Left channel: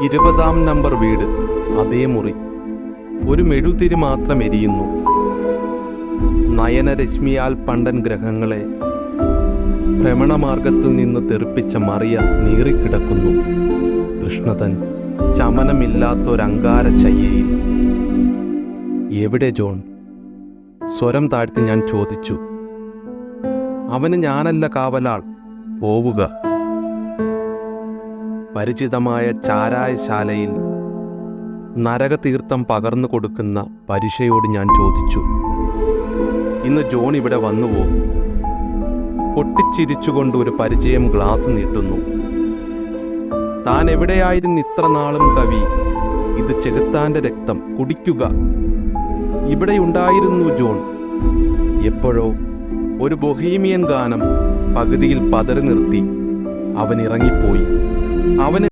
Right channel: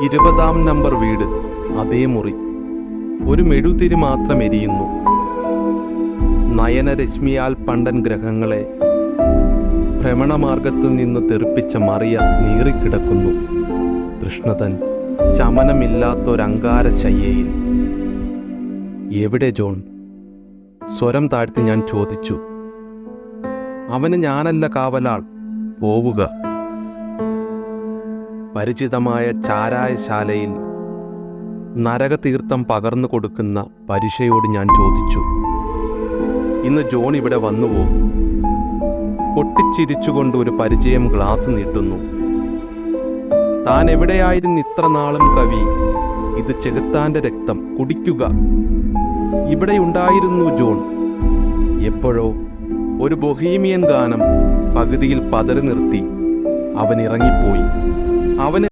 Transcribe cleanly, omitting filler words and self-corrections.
20-ാം number വീട്, അതേ മുറി. ഒരു മെഴുതിരി മാത്രം എരിയുന്നു. നയനരശ്മിയാൽ പണ്ടൻ ഗ്രഹങ്ങളെ ഭ്രമണമാർഗത്തിൽ നിന്ന് തെറിപ്പിച്ച മറിയ നീറിക്കിടക്കുന്നു. തൃഷ്ണതൻ ശമനമില്ലാത്തൊരങ്കാര ശയ്യയിൽ. എവിടെ ജോൺ? സ്വരം താഴ്ത്തി ഞാൻ ചോദിച്ചു. അവന് ഞാനല്ല കാവലാൾ, പോവുക. പരിചിതമായ ചാരായശാലയിൽ നരകതീർത്ഥം പകർന്നു കൊടുക്കുന്ന പരിശയോട് ഞാൻ ചോദിച്ചു, ഇന്ന് ജോൺ ഇവിടെ വന്നുവോ? പൊട്ടിച്ചിരിച്ചുകൊണ്ട് ഒരു പരിചയം ഗ്ലാസ് നീട്ടുന്നു. താൻ എവിടെയായിരുന്നു ഇത്ര നാളും കവി? ഇത് ചെകുത്താന്റെ രക്തം, കുടിക്കുക. ഇവിടെയുണ്ടായിരുന്നു ജോൺ. എപ്പോഴോ ഒരു ബൊഹീമിയൻ ഗാനം പകുതിയിൽ പതറി നിർത്തി അവൻ ഇറങ്ങിപ്പോയി. അവന്